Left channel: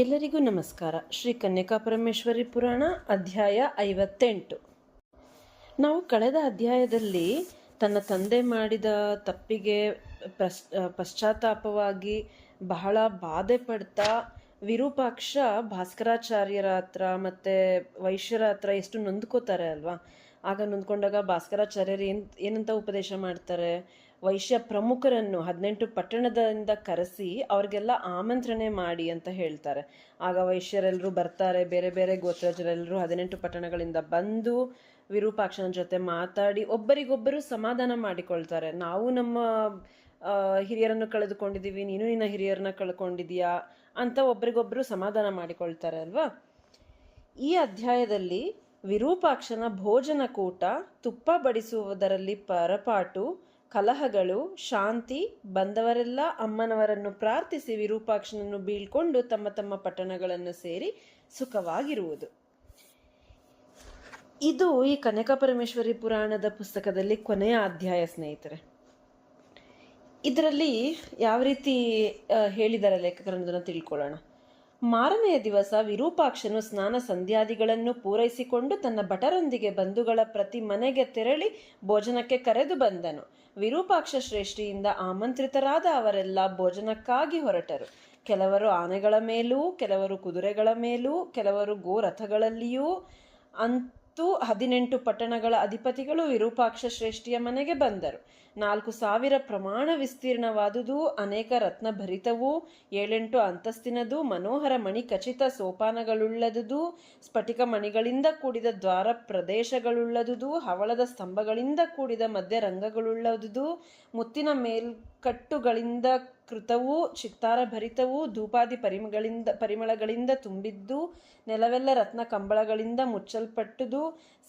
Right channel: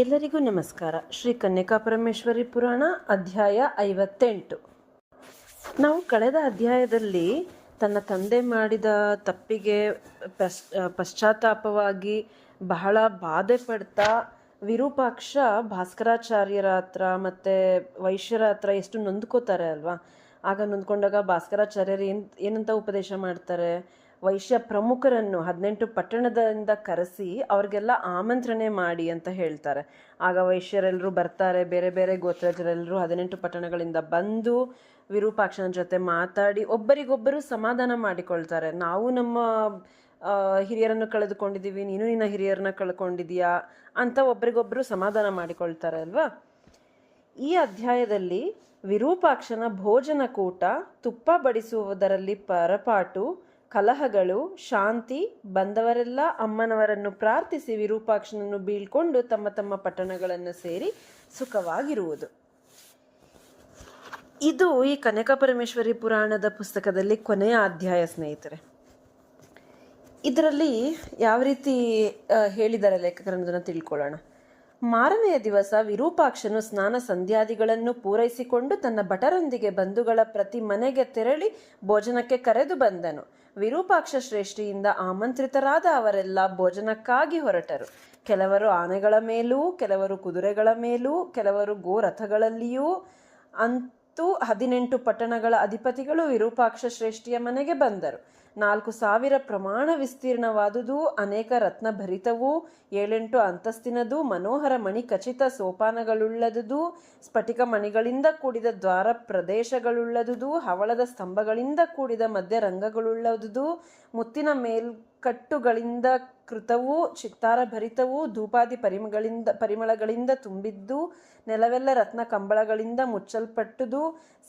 ಎಲ್ಲರಿಗೂ ನಮಸ್ಕಾರ. ಶ್ರೀ ಕನ್ಯಕಾ ಪರಮೇಶ್ವರಿ ಪುರಾಣ ಅಧ್ಯಾಯ 58. ನಾವು ಕಳೆದ ಅಧ್ಯಾಯದಲ್ಲಿ ತನ್ನ ತಂದೆ ಮಾಡಿದ ತಪ್ಪಿಗೆ ಪಶ್ಚಾತ್ತಾಪವಾಗಿ ಬಹಳ ಬಾಧೆ ಪಡ್ತಾ ವಿರೂಪಾಕ್ಷ ಭಾಸ್ಕರಾಚಾರ್ಯರ ಹತ್ರ ಮತ್ತು ವೈಶ್ಯರ ಹತ್ರ ಎಷ್ಟು ನೊಂದ್ಕೋತಾರೆ ಅಲ್ವಾ. ಆಗ ನೊಂದ್ಕೊಂಡಾಗ ಭಾಸ್ಕರಾಚಾರ್ಯರು ಏನಂತ ಉಪದೇಶ ಮಾಡ್ತಾರೆ, ವೈಶ್ಯ ಪ್ರಮುಖರನ್ನು 18 ಪಟ್ಟಣದಿಂದ ಕರೆಸಿ ಅವ್ರಿಗೆಲ್ಲ ಆಮಂತ್ರಣೆ ಮಾಡಿ ಅಂತ ಹೇಳ್ತಾರೆ. ಆಗ ವೈಶ್ಯರೆಲ್ಲರೂ ಬರ್ತಾರೆ, ಬೇರೆ ಬೇರೆ ಗೋತ್ರಜರೆಲ್ಲರೂ 18 ಪಟ್ಟಣಗಳಿಂದ ಬಂದು ವಿರೂಪಾಕ್ಷನ ಜೊತೆ ಮಾತಾಡಿ ಒಬ್ಬರಿಗೊಬ್ಬರು ಸಮಾಧಾನ ಮಾಡಿಕೊಳ್ತಾರೆ. ನಾವು ನಮ್ಮ ಹಿರಿಯರನ್ನು ಕಳೆದುಕೊಂಡಿದ್ದೀವಿ, ನೀನು ನಿನ್ನ ಹಿರಿಯರನ್ನ ಕಳ್ಕೊಂಡಿದೀಯಾ ಅಂತ ಒಬ್ಬರಿಗೊಬ್ಬರು ಸಮಾಧಾನ ಮಾಡಿಕೊಳ್ತಾರೆ ಅಲ್ವಾ. ಈ ಅಧ್ಯಾಯದಲ್ಲಿ ವಿರೂಪಾಕ್ಷನ ಭೋಜನ ಕೂಟ, ತುಪ್ಪ ಬಡಿಸುವುದರಲ್ಲಿ ಪರಪಾಟು, ಕಲಹಗಳು, ಶಾಂತಿ, ಬಂದವರೆಲ್ಲ ಅಮ್ಮನವರನ್ನು ಪ್ರಾರ್ಥಿಸಿ ವಿರೂಪಾಕ್ಷನನ್ನು ಬೀಳ್ಕೊಂಡು ತಮ್ಮ ತಮ್ಮ ಪಟ್ಟಣಗಳನ್ನು ಸೇರಿ ಸುಖವಾಗಿರುವುದು. ಇದು ಈ ಕನ್ಯಕಾ ಪರಮೇಶ್ವರಿ ಪುರಾಣದ ಪುಸ್ತಕದಲ್ಲಿ ಕೊನೆಯ ಅಧ್ಯಾಯ ಸ್ನೇಹಿತರೆ. ಇದರಲ್ಲಿ ಯಾವ ರೀತಿ ಹೇಳಿದ್ದಾರೆ ಲೇಖಕರನ್ನು ತಿಳ್ಕೊಳ್ಳೋಣ. ಮಾರನೆಯ ದಿವಸ ವಿರೂಪಾಕ್ಷನು ಸ್ನಾನ ಸಂಧ್ಯಾದಿಗಳನ್ನು ಪೂರೈಸಿಕೊಂಡು ತನ್ನ ಭಟರೊಂದಿಗೆ ಬಂಧುಗಳ ಪ್ರತಿ ಮನೆಗೆ ತೆರಳಿ ಭೋಜನಕ್ಕೆ ಕರೆದು ಬಂದನು. ವಿರೂಪಾಕ್ಷ ಶ್ರೇಷ್ಠಿಯಿಂದ ಆಮಂತ್ರಿತರಾದ ಅವರೆಲ್ಲ ಭೋಜನಕ್ಕಾಗಿ ಹೊರಟರು. ಕೆಲವರು ಆನೆಗಳ ಮೇಲೂ, ಕೆಲವರು ಕುದುರೆಗಳ ಮೇಲೂ, ಕೆಲವರು ಗೋರಥಗಳಲ್ಲಿಯೂ. ಅಂತೂ 18 ಪಟ್ಟಣಗಳ ಅಧಿಪತಿಗಳು ವಿರೂಪಾಕ್ಷ ಶ್ರೇಷ್ಠಿಯ ಮನೆಗೆ ಬಂದರು. 4,000 ಪ್ರಮಾಣ ವಿಸ್ತೀರ್ಣವಾದುದು, ಅನೇಕ ರತ್ನ ಭರಿತವೂ, 7-8 ಅಂತಸ್ತಿನದು, ಮನೋಹರ ಮಣಿ ಖಚಿತ ಸೋಪಾನಗಳುಳ್ಳದುದು, ಸ್ಫಟಿಕ ಮಣಿಗಳಿಂದ ಕೂಡಿದ ದ್ವಾರ ಪ್ರದೇಶಗಳುಳ್ಳದುದು, ಹವಳದ ಸ್ತಂಭಗಳಿಂದ ಕೂಡಿದ ಮಧ್ಯ ರಂಗಗಳುಳ್ಳದುದು, ಮುತ್ತಿನ ಮೇಲ್ಕಟ್ಟುಗಳಿಂದ ಕೃತವೂ, ಚಿತ್ತಾರ ಭರಿತವೂ, ಧೂಪಾದಿ ಪರಿಮಳಗಳಿಂದ ತುಂಬಿದ್ದು, ನೆಲವೆಲ್ಲ ರತ್ನ ಕಂಬಳಗಳಿಂದ ಮುಚ್ಚಲ್ಪಟ್ಟುದು,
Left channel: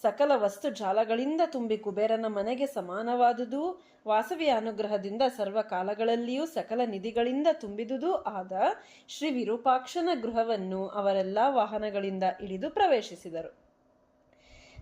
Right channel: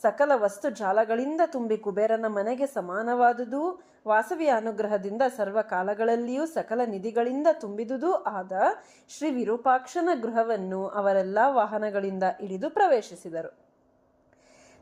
ಸಕಲ ವಸ್ತು ಜಾಲಗಳಿಂದ ತುಂಬಿ ಕುಬೇರನ ಮನೆಗೆ ಸಮಾನವಾದುದು, ವಾಸವಿಯ ಅನುಗ್ರಹದಿಂದ ಸರ್ವಕಾಲಗಳಲ್ಲಿಯೂ ಸಕಲ ನಿಧಿಗಳಿಂದ ತುಂಬಿದುದು ಆದ ಶ್ರೀ ವಿರೂಪಾಕ್ಷನ ಗೃಹವನ್ನು ಅವರೆಲ್ಲ ವಾಹನಗಳಿಂದ ಇಳಿದು ಪ್ರವೇಶಿಸಿದರು.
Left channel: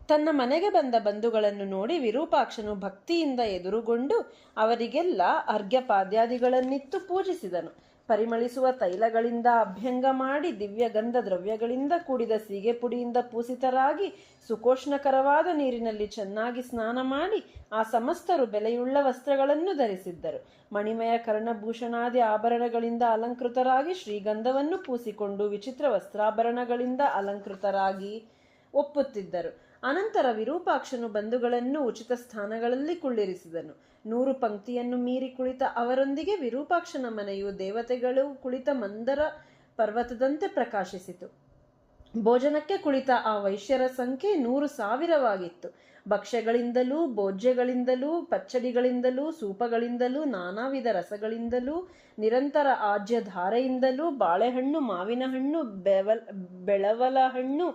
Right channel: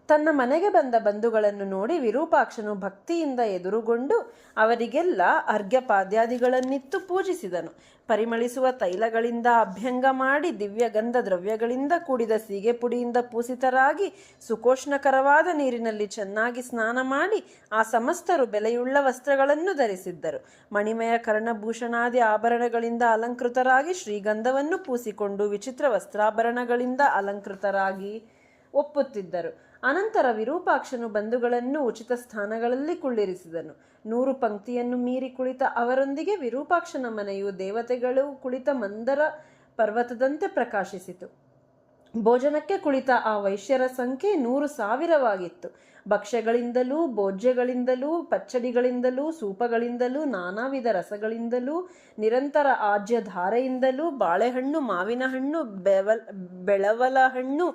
ತನ್ನ ಮನೆಗೆ ಬಂದ ಬಂಧುಗಳನ್ನು ನೋಡಿ ವಿರೂಪಾಕ್ಷನು ಭಕ್ತಿಯಿಂದ ಎದುರುಗೊಂಡು ಅವರಿಗೆಲ್ಲ ಅರ್ಘ್ಯಪಾದ್ಯಾದಿಗಳನ್ನಿತ್ತು ಪೂಜಿಸಿದನು. ಪರಿಮಳಿಸುವ ತೈಲಗಳಿಂದ ಅಭ್ಯಂಗ ಮಾಡಿ ದಿವ್ಯ ಗಂಧ ದ್ರವ್ಯಗಳಿಂದ ಕೂಡಿದ ಸೀಗೆ ಪುಡಿಯಿಂದ ಪೂಸಿತರಾಗಿ ಸುಕೋಷ್ಣಕರವಾದ ನೀರಿನಲ್ಲಿ ಚೆನ್ನಾಗಿ ಸ್ನಾನ ಮಾಡಿ ಆ ಸಮಸ್ತರು ಬೆಲೆಯುಳ್ಳ ವಸ್ತ್ರಗಳನ್ನು ಧರಿಸಿದ್ದರು. ಮಣಿಮಯ ಕರ್ಣಭೂಷಣಾದಿ ಆಭರಣಗಳಿಂದ ಅಲಂಕೃತರಾಗಿ ಶ್ರೀಗಂಧವನ್ನು ಪೂಸಿಕೊಂಡು ವಿಚಿತ್ರ ವಸ್ತ್ರಾಭರಣಗಳಿಂದ ಅಲಂಕೃತರಾಗಿ ಒಪ್ಪುತ್ತಿದ್ದರು. ಅನಂತರ ವಿರೂಪಾಕ್ಷನು ಬಂಧುಗಳನ್ನು ಉಚಿತ ಸ್ಥಾನಗಳಲ್ಲಿ ಕುಳ್ಳಿರಿಸಿದನು. 100 ಪಂಕ್ತಿಯನ್ನು ಮೀರಿ ಕುಳಿತ ಅವರೊಂದಿಗೆ ವಿರೂಪಾಕ್ಷನ ಮನೆಯು ದೇವತೆಗಳು ಕುಳಿತ ಮಂದರ ಪರ್ವತದಂತೆ ಪ್ರಕಾಶಿಸಿತು. ಭೋಜನಕ್ಕೆ ಕುಳಿತ ಆ ವೈಶ್ಯರ ಸಂಖ್ಯೆ 100,000ವಾಗಿತ್ತು. ಭಕ್ಷ್ಯಗಳಿಂದಲೂ, ಭೋಜ್ಯಗಳಿಂದಲೂ, ಪಚ್ಚಡಿಗಳಿಂದಲೂ, ಸೂಪಗಳಿಂದಲೂ, ನಾನಾ ವಿಧ ರಸಗಳಿಂದಲೂ, ನಿರಂತರ ಆಜ್ಯ ಧಾರೆಯಿಂದಲೂ, ಬಾಳೆಹಣ್ಣು, ಮಾವಿನ ಹಣ್ಣು, ಬೆಳವಲ ಹಣ್ಣು,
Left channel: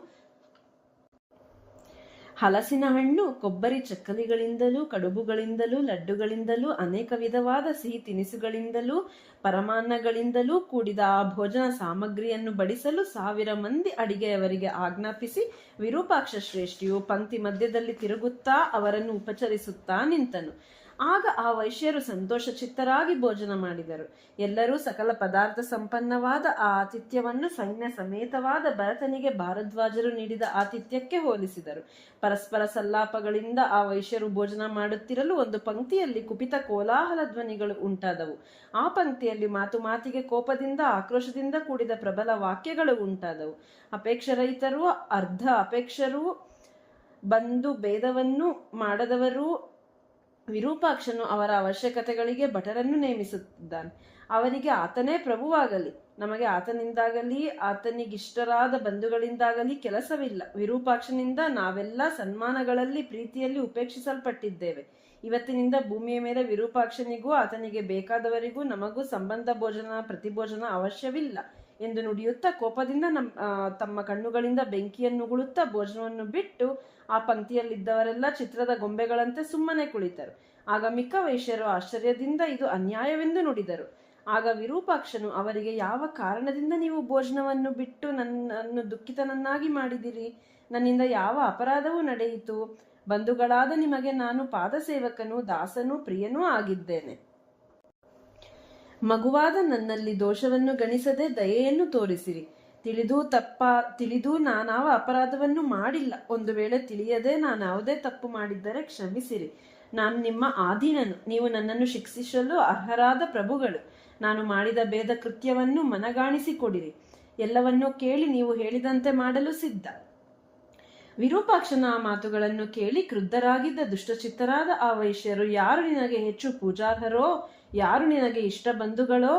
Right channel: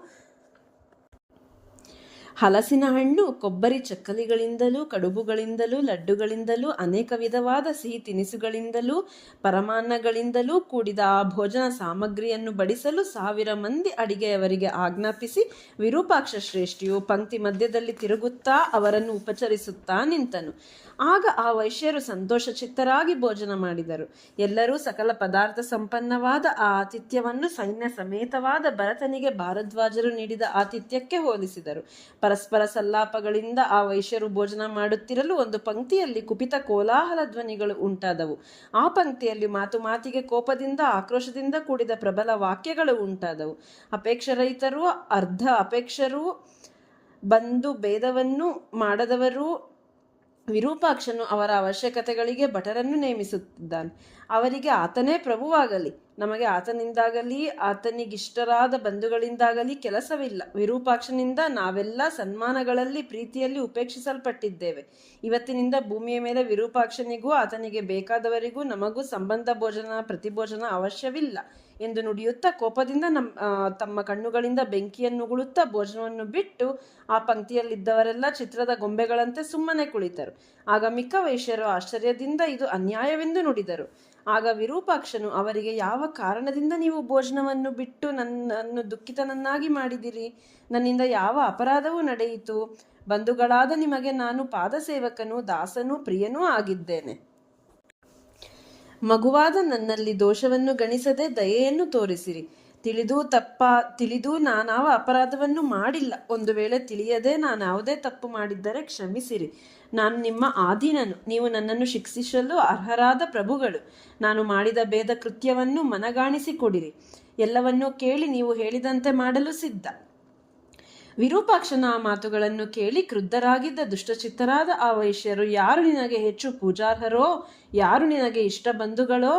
ಹಲಸಿನ ಹಣ್ಣು, ಕೊಬ್ಬರಿ ಚಕ್ಕಲಿಗಳಿಂದಲೂ, ಕಡುಬುಗಳಿಂದಲೂ, ಲಡ್ಡುಗಳಿಂದಲೂ, ಅನೇಕ ವಿಧವಾದ ಸಿಹಿ ತಿನಿಸುಗಳಿಂದಲೂ, ಪರಮಾನ್ನಗಳಿಂದಲೂ ಕೂಡಿದ ಆ ಭೋಜನ ಸಾಮಗ್ರಿಯನ್ನು ಬಡಿಸಲು 1,000 ಮಂದಿ ಅಡಿಗೆಯವರಿಗೆ ಆಜ್ಞಾಪಿಸಿ ವಿರೂಪಾಕ್ಷ ಶ್ರೇಷ್ಠಿಯು ಪಂಕ್ತಿ ಮಧ್ಯದಲ್ಲಿ ತಿರುಗುತ್ತಾ ಅವರನ್ನು ಉಪಚರಿಸುತ್ತಾ ನಿಂತನು. ಆಗ ಆ ವೈಶ್ಯರು ಸಂತೋಷ ಚಿತ್ತರಾಗಿ ಭೋಜನ ಮಾಡಿದರು. ಎಲ್ಲರೂ ಸಕಲ ಪದಾರ್ಥ ಸಂಪನ್ನವಾದ ಆ ಆತಿಥ್ಯವನ್ನು ಸೈನ್ಯ ಸಮೇತವಾದ ಭರತನಿಗೆ ಭಾರದ್ವಾಜರು ನೀಡಿದ ಆತಿಥ್ಯಕ್ಕೆ ಹೋಲಿಸಿದರು. ಪರಸ್ಪರ ಸಲ್ಲಾಪಗಳಿಂದ ಆ ವೈಶ್ಯರು ಭೋಜನ ಮಾಡುತ್ತಿರಲು ಒಂದು ಪಂಕ್ತಿಯಲ್ಲಿ ಕುಪಿತ ಕೋಲಾಹಲ ಧ್ವನಿಗಳು ಉಂಟಾದವು. ಆ ಪಂಕ್ತಿಯಲ್ಲಿ ಮಾತು ಮಾತಿಗೆ ಕೋಪದಿಂದ ಆಕ್ರೋಶದಿಂದ ಕೂಡಿದ ಪ್ರಬಲ ವಾಕ್ಯಗಳು ಉಂಟಾದವು. ಅಪೇಕ್ಷರಹಿತರು, ಅರ್ಧ ಅಪೇಕ್ಷರು, ಬಂಧು ಭೇದವನ್ನು ಮಾಡದವರು. ವಿರೂಪಾಕ್ಷನು ಅವರ ಅವಶ್ಯಕತೆಗಳಿಗೆ ಭಟರನ್ನು ನೇಮಿಸುತ್ತಿದ್ದಾನೆ. ಅವರಿಗೆ ಆತನೇ ಪ್ರಭುವಾಗಲಿ, ನಮಗೆ ಆತನಿಂದಾಗಲಿ ಆತನಿಗಿಷ್ಟರಾದ ಬಂಧುಗಳಿಂದಾಗಲಿ ಕೆಲಸವಿಲ್ಲ. ವಿರೂಪಾಕ್ಷನಿಂದ ನಾವೆಲ್ಲ ಸನ್ಮಾನಗಳಲ್ಲಿ ಪ್ರೀತಿಯಲ್ಲಿ ಉಪೇಕ್ಷಿಸಲ್ಪಟ್ಟಿದ್ದೇವೆ. ಇವತ್ತಿನಿಂದ ಭೂಮಿಯ ಮೇಲೆ ವಿರೂಪಾಕ್ಷನಿಗೂ ಆತನಿಗೆ ಬೇಕಾದವರಿಗೂ ನಮಗೂ ಸಂಬಂಧ ಭೋಜನ ಪ್ರತಿಭೋಜನ ಅವಶ್ಯವಿಲ್ಲ ಎಂದು ನುಡಿಯುತ್ತಾ ಕೋಪದಿಂದ ತಮ್ಮ ಕಣ್ಣುಗಳಿಂದ ಬೆಂಕಿಯನ್ನುಗುಳುತ್ತಾ ಭೋಜನವನ್ನು ಬಿಟ್ಟು ಆ ಪಂಕ್ತಿಯಲ್ಲಿದ್ದವರೆಲ್ಲ ಚಿತ್ರದ ಗೊಂಬೆಗಳಂತೆ ಸುಮ್ಮನೆ ಕುಳಿತರು. ಆಗ ಮಿಕ್ಕ ವೈಶ್ಯರು ಆಶ್ಚರ್ಯದಿಂದ ಇದು ಅನ್ಯಾಯವೆಂದು ನುಡಿದರು. ಆಗ ವಿರೂಪಾಕ್ಷನು ಅವರಿಗೆ, ಯಾವ ಕಾರಣದಿಂದ ನೀವು ಭೋಜನವನ್ನು ಬಿಟ್ಟು ನನ್ನನ್ನು ದುಃಖಿತನನ್ನಾಗಿ ಮಾಡಿದಿರಿ? ನನ್ನಿಂದ ಯಾವ ಅಪರಾಧವೂ ನಡೆಯಿತು? ಬಂಧುಗಳಾದ ನಿಮಗೆ ನಾನು ಪಾದಸೇವಕನೂ ದಾಸನೂ ಪ್ರಿಯನೂ ಆಗಿದ್ದೇನೆ. ಮಗುವಾದ ನನ್ನಲ್ಲಿ ದೋಷವನ್ನು ಗಣಿಸದೆ ದಯೆಯನ್ನು ತೋರಿಸಿರಿ. ತಿಳಿದು ನಾನಾವ ಅಪರಾಧವನ್ನು ಮಾಡಿಲ್ಲ. ಒಂದು ವೇಳೆ ತಿಳಿಯದೆ ನಾನಾವುದೇ ತಪ್ಪು ಮಾಡಿದ್ದರೆ ಕ್ಷಮಿಸಿರಿ. ನಾನು ನಿಮ್ಮ ಆಧೀನನು, ನೀವು ನನ್ನನ್ನು ಶಿಕ್ಷಿಸಲು ಅರ್ಹರಾದ ಪ್ರಭುಗಳು. ನಾನು ಮಾಡಿದ ಭೇದ ಕೃತ್ಯವನ್ನು ಮನಗಾಣಿಸಿಕೊಡಿರಿ. ಎಲ್ಲವನ್ನೂ ಕೇಳಿ ನೀವು ಹೇಳಿದಂತೆ ಮಾಡಲು ಸಿದ್ಧ. ವಿರೂಪಾಕ್ಷನ ಆ ಮಾತುಗಳನ್ನು ಕೇಳಿ ಕ್ರುದ್ಧರಾಗಿದ್ದ ದುಷ್ಟಚಿತ್ತರಾದ ಆ ವೈಶ್ಯರು, ಯಾರು ನಿನಗೆ ಹೆಚ್ಚು ಪೂಜಾರ್ಹರೋ, ಯಾರು ನಿನಗೆ ಇಷ್ಟ ಬಂಧುಗಳೋ,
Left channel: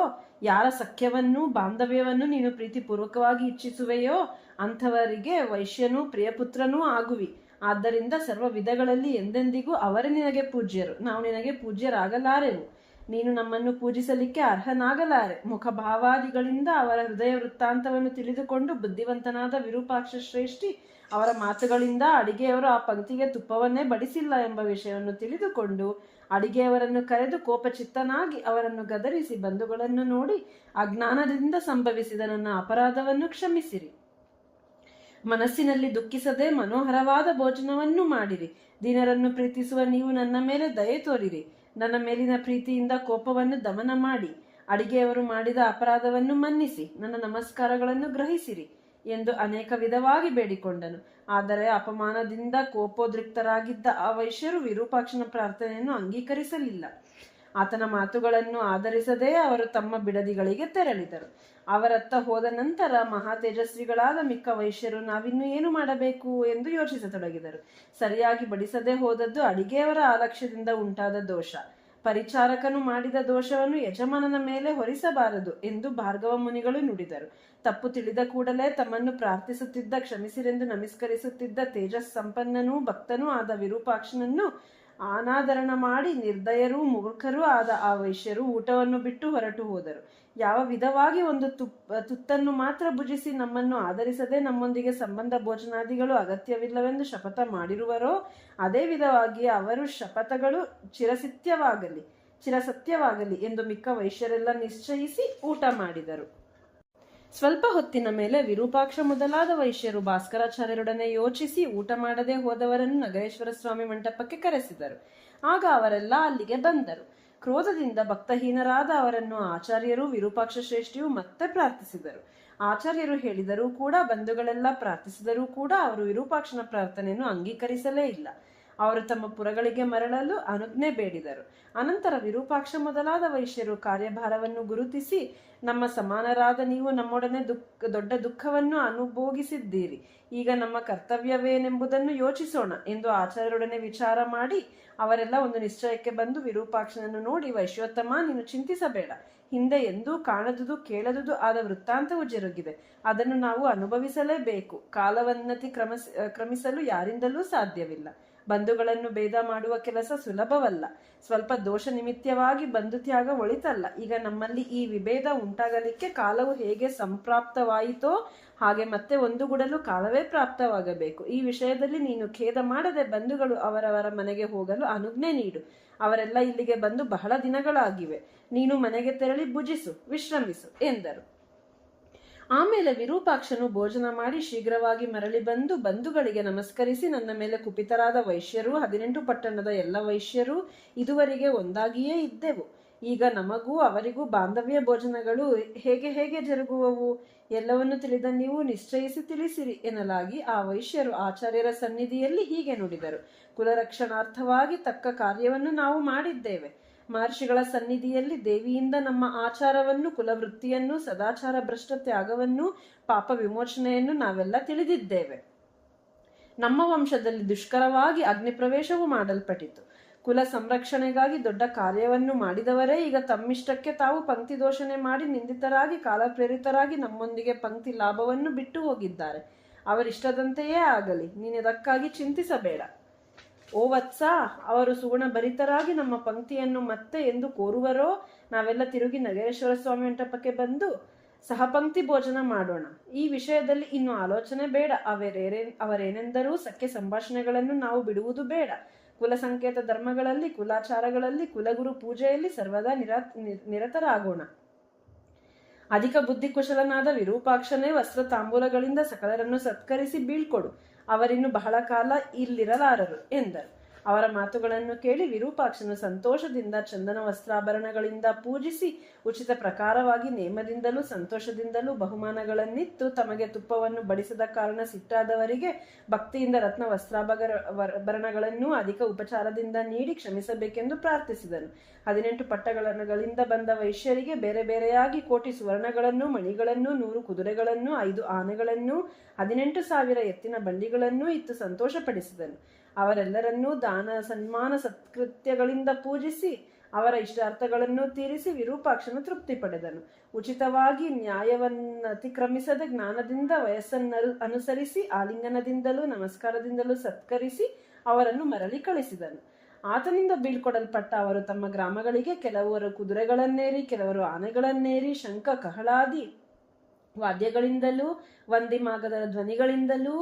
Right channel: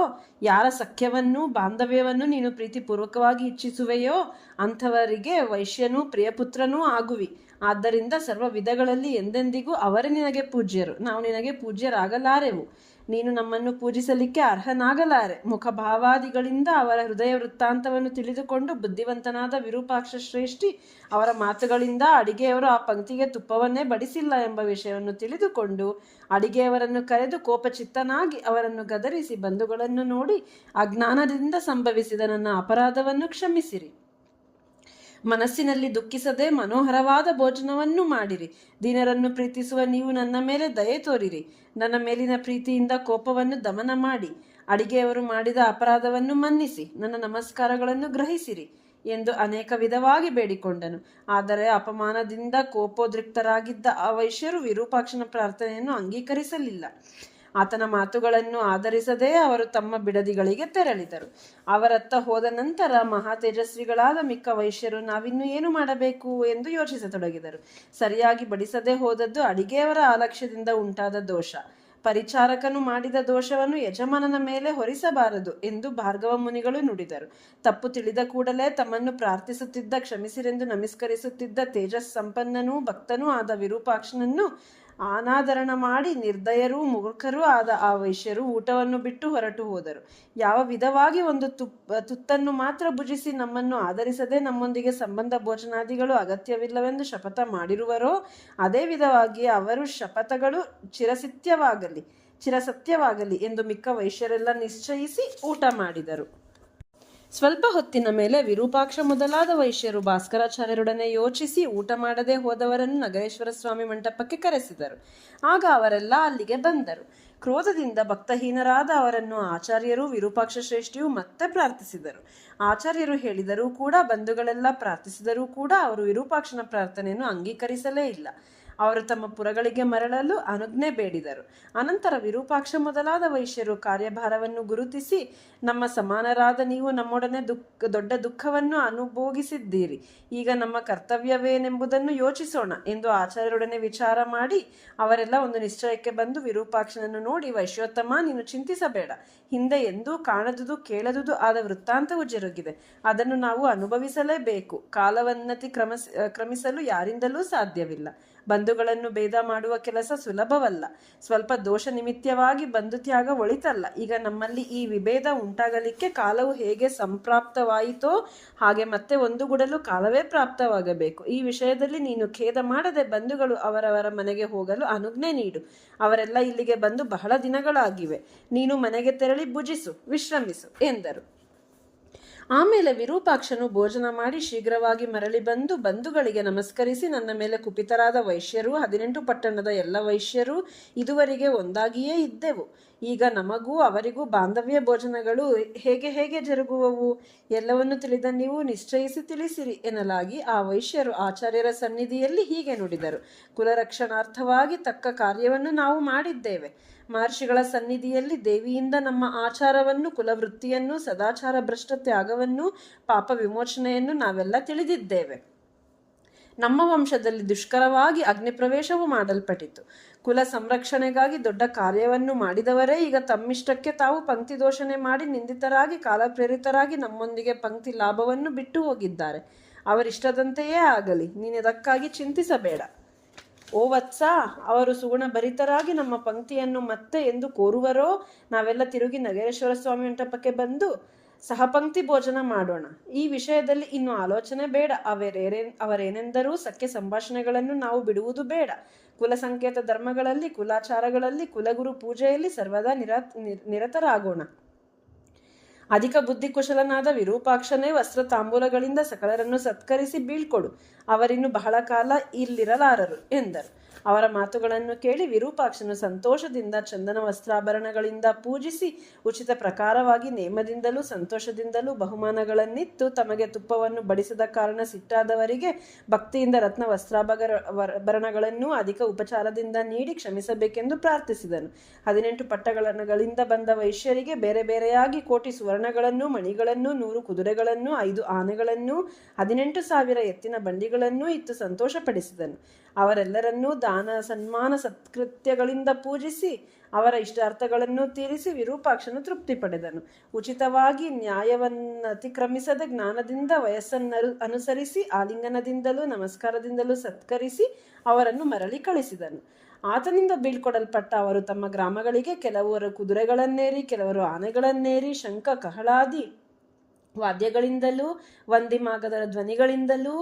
ಯಾರ ಸಖ್ಯವನ್ನು ಬಾಂಧವ್ಯವನ್ನು ನೀನು ಪ್ರೀತಿಪೂರ್ವಕವಾಗಿ ಇಚ್ಛಿಸುವೆಯೋ ಅಂಥವರಿಗೆ ವೈಶ್ಯನೂ ಪ್ರಿಯಪುತ್ರನೂ ಆಗುವಿ. ಆದ್ದರಿಂದ ಸರ್ವ ವಿಧಗಳಲ್ಲಿ ಎಂದೆಂದಿಗೂ ಅವರೇ ನಿನಗೆ ಪೂಜ್ಯರು. ನಾವು ನಿನಗೆ ಪೂಜ್ಯರಾಗಲಾರೆವು. ನೀನು ನಮ್ಮನ್ನು ಪೂಜಿಸಲಿಕ್ಕೆ ಅರ್ಹನಾಗಲಾರೆ. ಮುಖಭಾವಾದಿಗಳಿಂದ ಅವರ ಹೃದಯ ವೃತ್ತಾಂತವನ್ನು ತಿಳಿದುಕೊಂಡು ಬುದ್ಧಿವಂತನಾದ ವಿರೂಪಾಕ್ಷ ಶ್ರೇಷ್ಠಿ ಅವರ ಮಾತುಗಳಿಂದ ಅಡಿಗೆಯವರು ಆ ಪಂಕ್ತಿಗೆ ತುಪ್ಪವನ್ನೇ ಬಡಿಸಿಲ್ಲ ಎಂಬ ವಿಷಯವನ್ನು ತಿಳಿದುಕೊಂಡು ಅಡಿಗೆಯವರನ್ನು ಕರೆದು ಕೋಪಚಿತ್ತನಾಗಿ ಅವರನ್ನು ಗದರಿಸಿ, ಬಂಧುಗಳನ್ನು ನೋಡಿ ಅಜ್ಞಾನದಿಂದ ಸಂಭವಿಸಿದ ನನ್ನ ಅಪರಾಧವನ್ನು ಕ್ಷಮಿಸಿರಿ. ಮನಸ್ಸಿನಲ್ಲಿ ದುಃಖಿಸದೆ ಮನೋಹರವಾದ ಭೋಜನವನ್ನು ಮಾಡಿರಿ. ದೀನರನ್ನು ಪ್ರೀತಿಸುವ ನೀವು ನನ್ನ ಮೇಲೆ ದಯೆ ತೋರಿರಿ. ನನ್ನ ಮೇಲಿನ ಪ್ರೀತಿಯಿಂದ ಕೋಪವನ್ನು ದಮನ ಮಾಡಿ ಅಡಿಗೆಯವರು ಮಾಡಿದ ಅಪರಾಧವನ್ನು ಮನ್ನಿಸಿ ನನ್ನ ನಮಸ್ಕಾರಗಳನ್ನು ಗ್ರಹಿಸಿರಿ ಎಂದು ಅನೇಕ ವಿಧವಾಗಿ ಬೇಡಿಕೊಂಡನು. ಆದರೆ ಅಪಮಾನದಿಂದ ಕೋಪೋದ್ರಿಕ್ತರಾಗಿದ್ದ ಆ ವೈಶ್ಯರು ವಿರೂಪಾಕ್ಷನ ಪ್ರಾರ್ಥನೆಯನ್ನು ಅಂಗೀಕರಿಸಲಿಲ್ಲ. ಆತನ ಮಾತುಗಳನ್ನು ಆಧರಿಸದೇ ಅವರು ತಮ್ಮ ಬಿಡದಿಗಳಿಗೆ ತೆರಳಿದರು. ಅವರತ್ತ ಹೋದ ನಂತರ ಮಹಾ ತೇಜಸ್ವಿಗಳಾದ ಮಿಕ್ಕ ವೈಶ್ಯರು ನಾವಿನ್ನು ಏನು ಮಾಡಬೇಕು ಎಂದು ಯೋಚಿಸತೊಡಗಿದರು. ಸರಿಯಾಗಿ ಬಡಿಸದೆ ಹೋದದ್ದು ಅಡಿಗೆಯವರ ಆಲಕ್ಷ್ಯದಿಂದ ಉಂಟಾದ ದೋಷ. ಪರಿಚಾರಕನು ಮಾಡಿದ ದೋಷವನ್ನು ಯಜಮಾನನ ಮೇಲೆ ಹೊರಿಸಬಾರದು ಎಂದು ಭಾರ್ಗವ ಮುನಿಗಳು ನುಡಿದರು. ತಪ್ಪು ತಿಳಿದ ಕೂಡಲೇ ತಮ್ಮನ್ನು ಪ್ರಾರ್ಥಿಸುತ್ತಿದ್ದ, ಕ್ಷಮಿಸಿರೆಂದು ನಮಸ್ಕರಿಸುತ್ತಿದ್ದ ತೇಜಸ್ ಸಂಪನ್ನನೂ ಭಕ್ತನೂ ಆದ ವಿರೂಪಾಕ್ಷನನ್ನು ಅನಾದರಣ ಮಾಡಿ ನಿರ್ದಯರೂ ಮೂರ್ಖರೂ ಆದ ಆ ವೈಶ್ಯರು ಊಟವನ್ನು ಬಿಟ್ಟು ಹೊರಟು ಹೋದರು. ಯಾವ ವಿಧವಾಗಿ ಒಂದು ತುತ್ತನ್ನು ಮಾತ್ರ ಭುಜಿಸಿ ನಮ್ಮನ್ನು ಆಧರಿಸದೆ ನಮ್ಮೊಂದಿಗೆ ಸಂಬಂಧ ಭೋಜನಾದಿಗಳು ಅಗತ್ಯವಿಲ್ಲವೆಂದು ಶಪಥ ಮಾಡಿರುವರೋ ಅದೇ ವಿಧವಾಗಿ ಅವರು ಶಪಥಗಳು ಚಿರಸತ್ಯವಾಗಲಿ ಎಂದು ಮಿಕ್ಕ ವೈಶ್ಯರೆಲ್ಲ ನಿಶ್ಚಯಿಸಿ ಊಟ ಮಾಡಿದರು. ಸ್ವಲ್ಪ ಹೊತ್ತಿನ ಮೇಲೆ ವಿರೂಪಾಕ್ಷ ಮೊದಲಾದ ವೈಶ್ಯರು ಭಾಸ್ಕರಾಚಾರ್ಯರೊಡನೆ ಯೋಚಿಸಿ ಊಟ ಮಾಡದೆ ಹೋದವರನ್ನು ನಗರೇಶ್ವರ ಸ್ವಾಮಿ ಮಂಟಪಕ್ಕೆ ಕರೆಸಿದರು. ಆಗ ಅವರೆಲ್ಲ ಅಲ್ಲಿಗೆ ಬಂದರು. ಕ್ರೋಧದಿಂದ ಭಕ್ತಹೀನರಾದ ಅವರನ್ನು ಆಚಾರ್ಯರು ವಿರೂಪಾಕ್ಷ ಶ್ರೇಷ್ಠಿಯು ಮತ್ತೆ ಪ್ರಾರ್ಥಿಸಿದರು. ಆಚಾರ್ಯರು ಹೇಳಿದರೂ ಕೂಡ, ಬಂಧುಗಳೆಲ್ಲ ಪ್ರಾರ್ಥಿಸಿದರೂ ಕೂಡ ಅವರು ವಿರೂಪಾಕ್ಷನ ಪ್ರಾರ್ಥನೆಯನ್ನು ಅಂಗೀಕರಿಸಲೇ ಇಲ್ಲ. ಅವರು ತಮ್ಮ ಪುರಗಳಿಗೆ ಮರಳಲು ಅನುಜ್ಞೆ ಬೇಡಿದರು. ಅನಂತರ ವಿರೂಪಾಕ್ಷ ಮೊದಲಾದ ವೈಶ್ಯರು ಕಾರ್ಯಭಾರವನ್ನು ಗುರುತಿಸಿ, ನಮ್ಮ ಸಮಾನರಾದ ನೀವು ನಮ್ಮೊಡನೆ ದೊಡ್ಡ ದುಃಖವನ್ನು ಅನುಭೋಗಿಸಿದ್ದೀರಿ. ಈಗ ನಮ್ಮ ಕರ್ತವ್ಯವೇನೆಂಬುದನ್ನು ಯೋಚಿಸೋಣ ಎಂದು ಆಚಾರ್ಯರೊಡನೆ ವಿಚಾರ ಮಾಡಿ ಅವರೆಲ್ಲ ಒಂದು ನಿಶ್ಚಯಕ್ಕೆ ಬಂದು ವಿರೂಪಾಕ್ಷನನ್ನು ನೋಡಿ, ವೈಶ್ಯೋತ್ತಮ, ನೀನು ಚಿಂತಿಸಬೇಡ. ಹಿಂದೆ ಎಂದೂ ಕಾಣದುದು ಕೇಳದುದು ಆದ ವೃತ್ತಾಂತವು ಜರುಗಿದೆ. ಅದನ್ನು ನಾವು ಅನುಭವಿಸಲೇಬೇಕು. ಕಾಲವನ್ನತಿ ಕ್ರಮಿಸಲು ಯಾರಿಂದಲೂ ಸಾಧ್ಯವಿಲ್ಲ. ಬಂಧುಗಳನ್ನು ಭೇದ ಮಾಡುವ ಕೆಲಸ ಸುಲಭವಲ್ಲ. ಸ್ವಲ್ಪ ದೋಷ ನಿಮಿತ್ತವಾಗಿ ಬಂಧು ತ್ಯಾಗ ಒಳಿತಲ್ಲ. ಈಗ ನಮ್ಮಲ್ಲಿ ಈ ವಿಭೇದ ಉಂಟಾಗಲಿಕ್ಕೆ ಕಾಲವು ಹೇಗೆ ಸಂಪ್ರಾಪ್ತವಾಯಿತೋ ಹಾಗೆ ಮತ್ತೆ ಒಂದುಗೂಡಲು ಕಾಲವೇ ಪ್ರಾಪ್ತವಾಗಬೇಕು. ಈ ವಿಷಯದಲ್ಲಿ ನೀನು ಖೇದ ಮಾಡದೆ ಬಂಧುಗಳು ಅವರವರ ಮನೆಗೆ ಹೋಗಲು ಅನುಜ್ಞೆ ನೀಡು. ಅವರೆಲ್ಲ ಇಲ್ಲಿಗೆ ಬಂದು ಬಹಳ ದಿನಗಳಾಗಿವೆ. ನೀನು ಮನೆಗೆ ತೆರಳಿ ಭುಜಿಸು, ವಿಶ್ರಮಿಸು ಎಂದರು. ಆಮೇಲೆ ವಿರೂಪಾಕ್ಷನು ಭೋಜನ ಮಾಡಿ ಶೀಘ್ರವಾಗಿ ಮರಳಿ ಬಂದು ಬಂಧುಗಳಿಗೆ ನಮಸ್ಕರಿಸಿ, ನನ್ನ ಮೇಲೆ ಕುಪಿತರಾದ ವೈಶ್ಯರು 18 ಪಟ್ಟಣದ ಎಲ್ಲ ವೈಶ್ಯರು ಇದುವರೆಗೆ ಒಂದಾಗಿಯೇ ಇದ್ದೆವು. ಈಗ ನಮಗೂ ಅವರಿಗೂ ಬಾಂಧವ್ಯ ಭೋಜನಗಳು ಹೇಗೆ ಜರುಗುವವು ಎಲ್ಲವನ್ನು ತಿಳಿದ ನೀವು ನಿಶ್ಚಯಿಸಿ ತಿಳಿಸಿರಿ ಎನ್ನಲಾಗಿ ಆ ವೈಶ್ಯರು ಆಚಾರ್ಯರ ಸನ್ನಿಧಿಯಲ್ಲಿ ಹೀಗೆ ನುಡಿದರು. ಕುಲರಕ್ಷಣಾರ್ಥವಾಗಿ ತಕ್ಕ ಕಾರ್ಯವನ್ನು ನಾವು ಮಾಡಿದ್ದೇವೆ. ಮಹರ್ಷಿಗಳ ಸನ್ನಿಧಿಯಲ್ಲಿ ದೇವಿಯಿಂದ ನಮ್ಮ ಆಚಾರವನ್ನು, ಕುಲವೃತ್ತಿಯನ್ನು, ಸದಾಚಾರ ಭ್ರಷ್ಟ ತ್ಯಾಗವನ್ನು, ಪಾಪ ವಿಮೋಚನೆಯನ್ನು ನಾವೆಲ್ಲ ತಿಳಿದಿದ್ದೇವೆ. ನಮ್ಮ ವಂಶದಲ್ಲಿ ದುಷ್ಕರವಾಗಿ ಅಗ್ನಿಪ್ರವೇಶವು ಮಾಡಲ್ಪಟ್ಟಿತು. ಕುಲ ಸಂರಕ್ಷಣೆಗಾಗಿ ದೊಡ್ಡ ಕಾರ್ಯವನ್ನು ಮಾಡಿದವರೇ ಈಗ ತಮ್ಮಿಷ್ಟಕ್ಕೆ ತಾವು ಪಂಕ್ತಿ ದೋಷಣೆ ಮಾಡಿ ನಿಂದಿತರಾಗಿ ಕಾಲಪ್ರೇರಿತರಾಗಿ ನಮ್ಮೊಂದಿಗೆ ಪಂಕ್ತಿ ಲಾಭವನ್ನು ಬಿಟ್ಟು ಹೋಗಿದ್ದಾರೆ. ಅವರಿಷ್ಟದಂತೆಯೇ ಆಗಲಿ, ನೀನಿದಕ್ಕಾಗಿ ಚಿಂತಿಸಬೇಡ. ಓ ವತ್ಸ, ಅವರು ಸುಗುಣ ಭರಿತರಾಗಿ ನಮ್ಮ ಪಂಕ್ತಿಯನ್ನು ಮತ್ತೆ ಎಂದು ಕೋರುವರೋ ನಾವೆಲ್ಲ ತಿರುಗಿ ನಗರೇಶ್ವರ ಸ್ವಾಮಿ ಮಂಟಪಕ್ಕೆ ಬಂದು ಸಹಪಂಕ್ತಿ ಭೋಜನ ಮಾಡೋಣ. ಈ ವಿಷಯದಲ್ಲಿ ಇನ್ನು ಆಲೋಚನೆ ಬೇಡ. ಅವರೇನೆಂದರೂ ಸಖ್ಯ ಸಂಭಾಷಣೆಗಳನ್ನು ನಾವು ಬಿಡುವುದು ಬೇಡ. ಕುಲ ಸಂಕೇತ ಧರ್ಮಗಳಲ್ಲಿ, ಕುಲಾಚಾರಗಳಲ್ಲಿ, ಕುಲಗುರು ಪೂಜೆಯಲ್ಲಿ ಸರ್ವದಾ ನಿರತರಾಗೋಣ. ಅಧಿಕ ಬುದ್ಧಿಕುಶಲನಾದ ವಿರೂಪಾಕ್ಷನೇ ವಸ್ತ್ರ ತಾಂಬೂಲಗಳಿಂದ ಸಕಲರನ್ನು ಸತ್ಕರಿಸಿ ಬೀಳ್ಕೊಡು. ಅವರಿನ್ನು ಬಹಳ ಕಾಲ ಇಲ್ಲಿರಲಾರರು ಎಂದರು. ಅವರ ಮಾತುಗಳನ್ನು ಕೇಳಿ ವಿರೂಪಾಕ್ಷನು ಸಂತೋಷದಿಂದ ಚಂದನ ವಸ್ತ್ರಾಭರಣಗಳಿಂದ ಪೂಜಿಸಿ ಉಚಿತ ಪ್ರಕಾರವಾಗಿ ನೇಮದಿಂದಲೂ ಸಂತೋಷದಿಂದಲೂ ಬಹುಮಾನಗಳನ್ನಿತ್ತು ತಮಗೆ ತುಪ್ಪವನ್ನು ಬಡಿಸದ ಕಾರಣ ಸಿಟ್ಟಾದವರಿಗೆ ಭಕ್ತಿಯಿಂದ ರತ್ನ ವಸ್ತ್ರಾಭರಣಗಳನ್ನು ಅಧಿಕ ಉಪಚಾರದಿಂದ ನೀಡಿ ಕ್ಷಮಿಸಬೇಕೆಂದು ಪ್ರಾರ್ಥಿಸಿದನು. 18 ಪಟ್ಟಣಗಳಿಂದ ಬಂದ ವೈಶ್ಯರಿಗೆ ಬೇರೆ ಬೇರೆಯಾಗಿ ಕೋಟಿ ಸುವರ್ಣಗಳನ್ನು, ಮಣಿಗಳನ್ನು, 100 ಕುದುರೆಗಳನ್ನು, 5 ಆನೆಗಳನ್ನು, 18,000 ಎತ್ತಿನ ಬಂಡಿಗಳನ್ನೂ ಇತ್ತು ಸಂತೋಷಪಡಿಸಿದನು. ಅವರೆಲ್ಲರನ್ನೂ ದಾನ ಸನ್ಮಾನ ಸತ್ಕೃತ್ಯಗಳಿಂದ ಪೂಜಿಸಿ ಅವರ ಇಷ್ಟಾರ್ಥಗಳನ್ನು ತೀರಿಸಿ ವಿರೂಪಾಕ್ಷನು ತೃಪ್ತಿ ಪಡೆದನು. ಉಚಿತವಾಗಿ ನ್ಯಾಯವನ್ನು ಅತಿಕ್ರಮಿಸದೆ ಜ್ಞಾನದಿಂದ ವಯಸ್ಸನ್ನು ಅನುಸರಿಸಿ ಆಲಿಂಗನದಿಂದಲೂ ನಮಸ್ಕಾರದಿಂದಲೂ ಸತ್ಕರಿಸಿ ಅವರನ್ನು ಮರಳಿ ಕಳಿಸಿದನು. ಆತನಿಂದ ಬೀಳ್ಕೊಡಲ್ಪಟ್ಟ ಅವರು ತಮ್ಮ ಗ್ರಾಮಗಳಿಗೆ ಕೆಲವರು ಕುದುರೆಗಳನ್ನೇರಿ, ಕೆಲವರು ಆನೆಗಳನ್ನೇರಿ, ಶಂಖ ಕಹಳಾದಿ ವಾದ್ಯಗಳಿಂದಲೂ ವಂದಿಮಾಗದ ಧ್ವನಿಗಳಿಂದಲೂ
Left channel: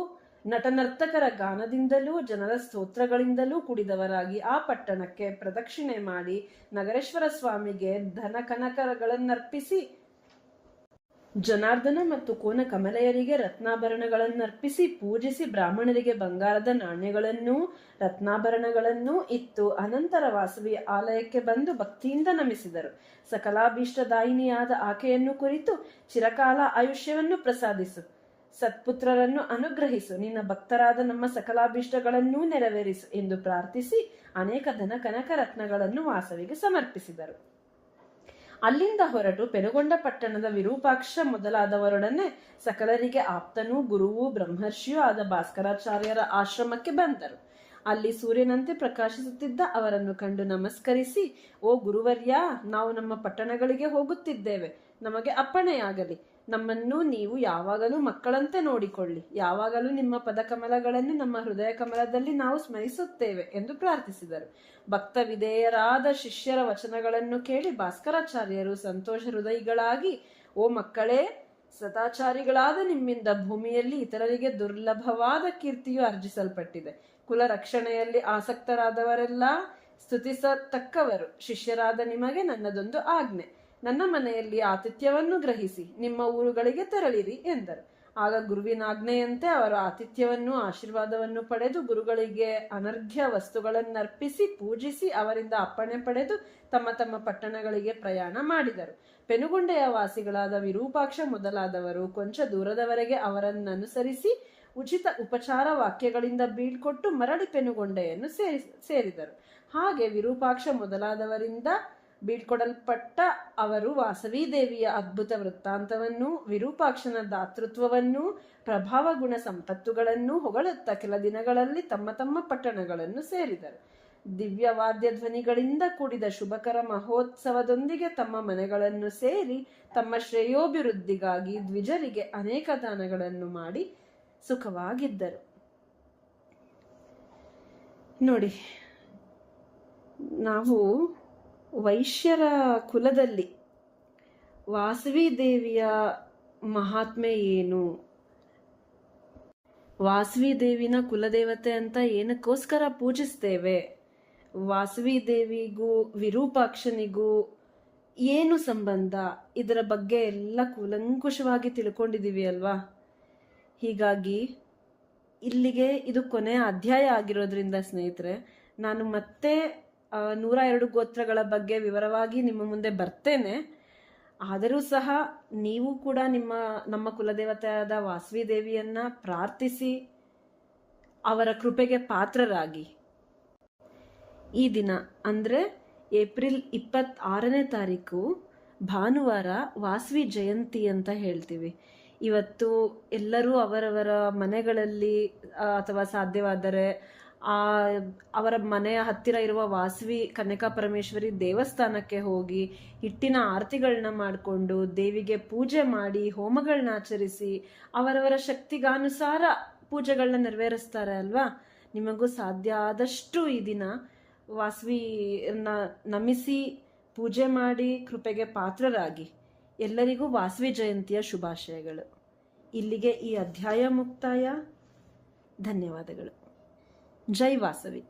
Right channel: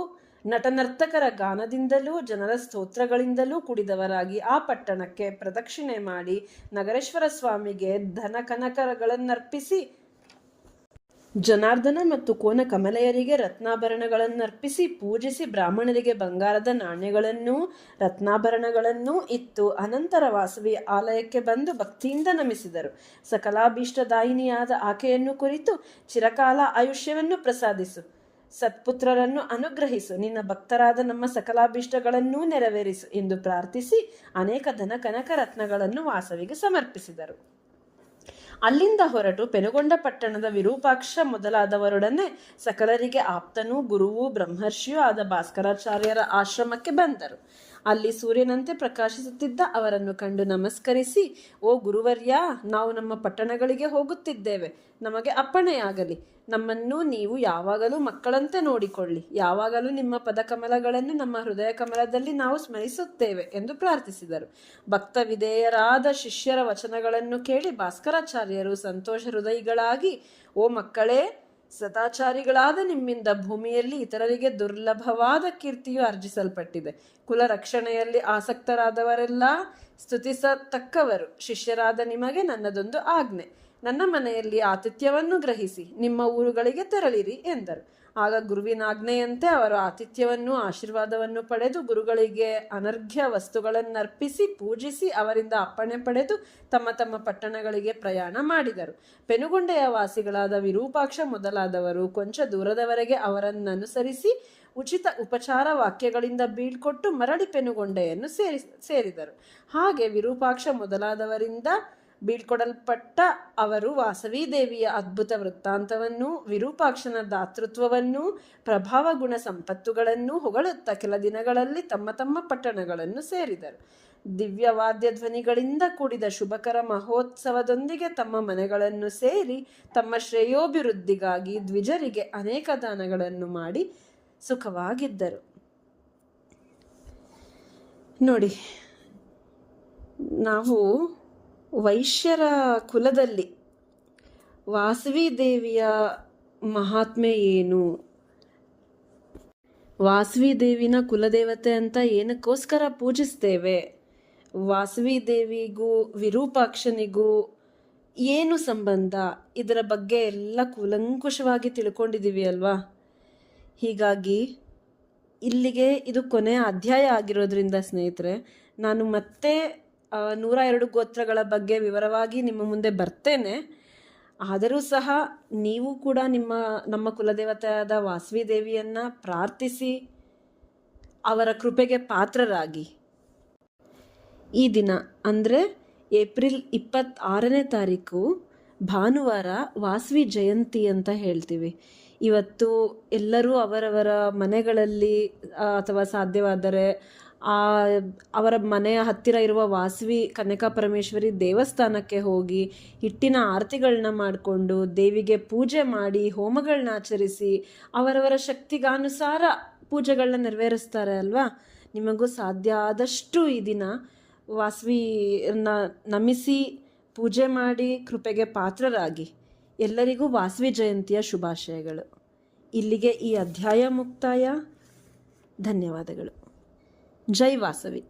ನಟನರ್ತಕರ ಗಾನದಿಂದಲೂ ಜನರ ಸ್ತೋತ್ರಗಳಿಂದಲೂ ಕುಡಿದವರಾಗಿ ಆ ಪಟ್ಟಣಕ್ಕೆ ಪ್ರದಕ್ಷಿಣೆ ಮಾಡಿ ನಗರೇಶ್ವರ ಸ್ವಾಮಿಗೆ ಧನ ಕನಕಗಳನ್ನರ್ಪಿಸಿ ಜನಾರ್ದನ ಮತ್ತು ಕೋನ ಕಮಲೆಯರಿಗೆ ರತ್ನಾಭರಣಗಳನ್ನರ್ಪಿಸಿ ಪೂಜಿಸಿ ಬ್ರಾಹ್ಮಣರಿಗೆ ಬಂಗಾರದ ನಾಣ್ಯಗಳನ್ನೂ ರತ್ನಾಭರಣಗಳನ್ನೂ ಇತ್ತು. ಅನಂತರ ವಾಸವಿ ಆಲಯಕ್ಕೆ ಬಂದು ಭಕ್ತಿಯಿಂದ ನಮಿಸಿದರು. ಸಕಲಾಭೀಷ್ಟದಾಯಿನಿಯಾದ ಆಕೆಯನ್ನು ಕುರಿತು ಚಿರಕಾಲ ಆಯುಷ್ಯವನ್ನು ಪ್ರಸಾದಿಸು, ಸತ್ಪುತ್ರರನ್ನು ಅನುಗ್ರಹಿಸು, ನಿನ್ನ ಭಕ್ತರಾದ ನಮ್ಮ ಸಕಲಾಭೀಷ್ಟಗಳನ್ನೂ ನೆರವೇರಿಸು ಎಂದು ಪ್ರಾರ್ಥಿಸಿ ಅನೇಕ ಧನ ಕನಕ ರತ್ನಗಳನ್ನು ವಾಸವಿಗೆ ಸಮರ್ಪಿಸಿದರು. ಅಲ್ಲಿಂದ ಹೊರಟು ಪೆನುಗೊಂಡ ಪಟ್ಟಣದ ವಿರೂಪಾಕ್ಷ ಮೊದಲಾದವರೊಡನೆ ಸಕಲರಿಗೆ ಆಪ್ತನೂ ಗುರುವೂ ಬ್ರಹ್ಮರ್ಷಿಯೂ ಆದ ಭಾಸ್ಕರಾಚಾರ್ಯರ ಆಶ್ರಮಕ್ಕೆ ಬಂದರು. ಅಲ್ಲಿ ಸೂರ್ಯನಂತೆ ಪ್ರಕಾಶಿಸುತ್ತಿದ್ದ ಅವರನ್ನು ಕಂಡು ನಮಸ್ಕರಿಸಿ, ಓ ಗುರುವರ್ಯ, ನಾವು ನಮ್ಮ ಪಟ್ಟಣಗಳಿಗೆ ಹೋಗುತ್ತಿದ್ದೇವೆ, ನಮಗೆ ಅಪ್ಪಣೆಯಾಗಲಿ. ನಮ್ಮನ್ನು ನೀವು ಯಾವಾಗಲೂ ಮಕ್ಕಳಂತೆ ನೋಡಿಕೊಳ್ಳಿ. ಯಾವಾಗಲೂ ನಿಮ್ಮ ಪದಕಮಲಗಳನ್ನು ನಮ್ಮ ಹೃದಯ ಕಮಲದಲ್ಲಿ ನಾವು ಸ್ಮರಿಸುತ್ತೇವೆ ಎಂದು ಪ್ರಾರ್ಥಿಸಿದರು. ಭಕ್ತ ವಿಧೇಯರಾದ ಶಿಷ್ಯರ ವಚನಗಳನ್ನು ಕೇಳಿ ಭಾಸ್ಕರಾಚಾರ್ಯರು ಸಂತೋಷ ಹೃದಯಿಗಳಾಗಿ, ಓ ಮಕ್ಕಳೇ, ಸದಾಚಾರಿಗಳಾದ ನಿಮ್ಮಿಂದ ಭೂಮಿಯಲ್ಲಿ ಇತರರಿಗೆ ದುರ್ಲಭವಾದ ಕೀರ್ತಿಯು ಅರ್ಜಿಸಲ್ಪಟ್ಟಿದೆ. ಕುಲ ರಕ್ಷಣೆಯಲ್ಲಿ ಆಸಕ್ತರಾದವರೆಲ್ಲ ಸ್ತುತಿಸತಕ್ಕವರು. ಶಿಷ್ಯರಾದ ನಿಮಗೆ ನನ್ನದೊಂದು ಆಜ್ಞೆ, ನನ್ನ ಮನೆಯಲ್ಲಿ ಆತಿಥ್ಯವನ್ನು ಗ್ರಹಿಸಿ ನಿಮ್ಮ ಊರುಗಳಿಗೆ ತೆರಳಿರಿ ಎಂದರು. ಆಗ ಗುರುವಿನಾಜ್ಞೆಯಂತೆ ಅವರು ಆತಿಥ್ಯವನ್ನು ಆಶೀರ್ವಾದವನ್ನು ಪಡೆದು ಗುರುಗಳಿಗೆ ಅನರ್ಘ್ಯ ವಸ್ತುಗಳನ್ನರ್ಪಿಸಿ ಪೂಜಿಸಿ ಅವರಿಂದ ಅಪ್ಪಣೆ ಪಡೆದು ತಮ್ಮ ತಮ್ಮ ಪಟ್ಟಣಗಳಿಗೆ ಪ್ರಯಾಣ ಮಾಡಿದರು. ಪೆನುಗೊಂಡೆಯ ವಾಸಿಗಳಾದ ವಿರೂಪಾಕ್ಷ ಮೊದಲಾದವರು ಕೊಂಚ ದೂರದವರೆಗೆ ಅವರನ್ನನುಸರಿಸಿ ಉಚಿತ ಉಪಚಾರ ವಾಕ್ಯಗಳಿಂದ ಬೀಳ್ಕೊಟ್ಟು ಮರಳಿ ಪೆನುಗೊಂಡೆಯನ್ನು ಸೇರಿದರು. ಹಾಗೆ ವಿರೂಪಾಕ್ಷ ಮೊದಲಾದವರಿಂದ ಬೀಳ್ಕೊಡಲ್ಪಟ್ಟ ಅವರು ವಾಸವಿ ದೇವಿಯ ಅದ್ಭುತ ವೃತ್ತಾಂತವನ್ನೂ ವಿರೂಪಾಕ್ಷನ ದಾತೃತ್ವವನ್ನೂ ಪ್ರಭಾವ ಗುಣ ಸಂಪತ್ತುಗಳನ್ನೂ ಹೊಗಳುತ್ತಾ ಕೆಲ ದಿನಗಳಲ್ಲಿ ತಮ್ಮ ತಮ್ಮ ಪಟ್ಟಣಗಳನ್ನು ಸೇರಿದರು. ದಿವ್ಯವಾದ್ಯ ಧ್ವನಿಗಳಿಂದ ಕೂಡಿದ ಶುಭಕರ ಮಹೋತ್ಸವದೊಂದಿಗೆ ತಮ್ಮ ಮನೆಗಳನ್ನು ಸೇರಿ ತಮ್ಮ ಶ್ರೇಯೋಭಿವೃದ್ಧಿಗಾಗಿ ದ್ವಿಜರಿಗೆ ಅನೇಕ ದಾನಗಳನ್ನು ಮಾಡಿ ಸುಖವಾಗಿದ್ದರು. ನೋಡಿ, ನಾವು ವೈಶ್ಯರ ಕುಲದಲ್ಲಿ ವಾಸವಿ ದೇವಿಯ ಮಹಾತ್ಮೆ ಏನು, ವಾಸವಿ ದೇವಿನ ಕುಲದೇವತೆ ಅಂತ ಏನಕ್ಕೋಸ್ಕರ ಪೂಜಿಸ್ತೇವೆ, ವಾಸವಿ ದೇವಿಗೂ ವಿರೂಪಾಕ್ಷನಿಗೂ ಏನು ಸಂಬಂಧ, ಇದರ ಬಗ್ಗೆ ಎಲ್ಲ ಕೂಲಂಕುಷವಾಗಿ ತಿಳ್ಕೊಂಡಿದ್ದೀವಿ ಅಲ್ವಾ. ಹೀಗಾಗಿ ಇಲ್ಲಿಗೆ ಇದು ಕೊನೆಯ ಅಧ್ಯಾಯ ಆಗಿರೋದ್ರಿಂದ ಸ್ನೇಹಿತರೆ, ನಾನು ಮತ್ತೆ 102 ಗೋತ್ರಗಳ ಬಗ್ಗೆ ವಿವರವಾಗಿ ನಿಮ್ಮ ಮುಂದೆ ಬರ್ತೇನೆ. ಆದರೂ ಸಹ ನೀವು ಕೂಡ ನಮ್ಮ ಕುಲದೇವತೆಯಾದ ವಾಸವಿ ದೇವಿಯನ್ನು ಪ್ರಾರ್ಥಿಸಿ ಅವರ ಕೃಪೆಗೆ ಪಾತ್ರರಾಗಿ. ಈ ದಿನ ಅಂದರೆ ಏಪ್ರಿಲ್ 26ನೇ ತಾರೀಕು ಭಾನುವಾರ ವಾಸವಿ ಜಯಂತಿ ಅಂತ ಹೇಳ್ತೀವಿ. ಇವತ್ತು ಎಲ್ಲರೂ ಅವರವರ ಮನೆಗಳಲ್ಲಿ ಅಥವಾ ಸಾಧ್ಯವಾದರೆ ಅವರ ಮನೆಯ ಹತ್ತಿರ ಇರುವ ವಾಸವಿ ಕನ್ಯಕಾ ಪರಮೇಶ್ವರಿ ದೇವಸ್ಥಾನಕ್ಕೆ ಹೋಗಿ ಹಿಟ್ಟಿನ ಆರತಿಗಳನ್ನ ಮಾಡಿಕೊಂಡು ದೇವಿಗೆ ಪೂಜೆ ಮಾಡಿ ಹೋಮಗಳನ್ನ ಆಚರಿಸಿ ಅವರವರ ಶಕ್ತಿಗಾನುಸಾರ ಪೂಜೆಗಳನ್ನ ನೆರವೇರಿಸ್ತಾರೆ ಅಲ್ವಾ. ನಿಮಗೂ ಸಾಧ್ಯ ಆದಷ್ಟು ಈ ದಿನ ವಾಸವಿಯನ್ನ ನಮಿಸಿ ಪೂಜೆ ಮಾಡಿ ಕೃಪೆಗೆ ಪಾತ್ರರಾಗಿ. ಎಲ್ಲರಿಗೂ ವಾಸವಿ ಜಯಂತಿಯ ಶುಭಾಶಯಗಳು. ಇಲ್ಲಿಗೆ ಈ ಅಧ್ಯಾಯ ಮುಕ್ತಾಯ. ಧನ್ಯವಾದಗಳು. ಜೈ ವಾಸವಿ.